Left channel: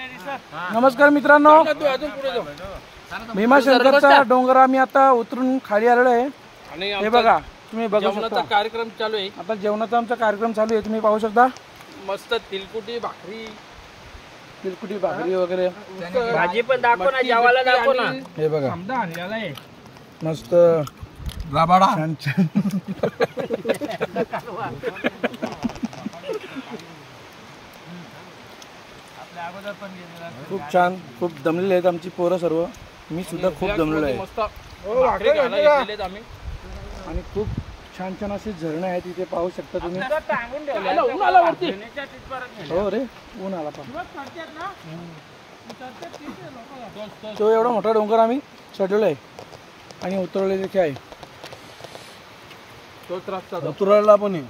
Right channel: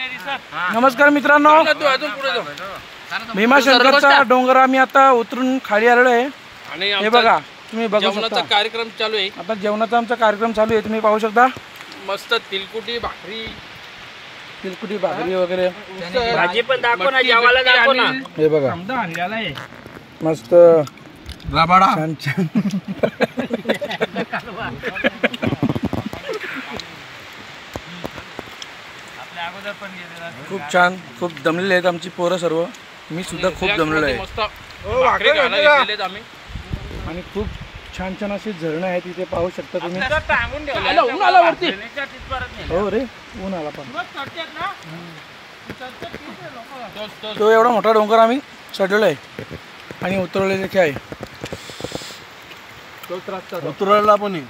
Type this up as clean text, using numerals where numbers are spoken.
नमस्कार मित्रांनो, भीमाशंकरचा डोंगर आम्ही आता उतरून खाली आलेलो आहे आणि हे बघा तुम्ही जेवणाचा कार्यक्रम चालू आहे. आता जेवणाचा आमचा कार्यक्रम चालू आहे, तुम्ही पाहू शकता. मस्त तिलकुटी भाकरी वगैरे भाजी पण दाखव ना, जेवायला दाखव ना. हे बघा मस्त राबाडा खूप छान. खूप दमलेले आहेत आमची पोरं सर्व. मी सुद्धा खूप दमलेलो आहे आणि खूप छान छान असे झरणे आहेत इथे पाहू शकता तुम्ही. हो रे, ऊन आला पण. तो एवढा मोठा डोंगर आम्ही चढलेलो आहे आणि उतरवले देखील आहे. उतरायला पण आहे.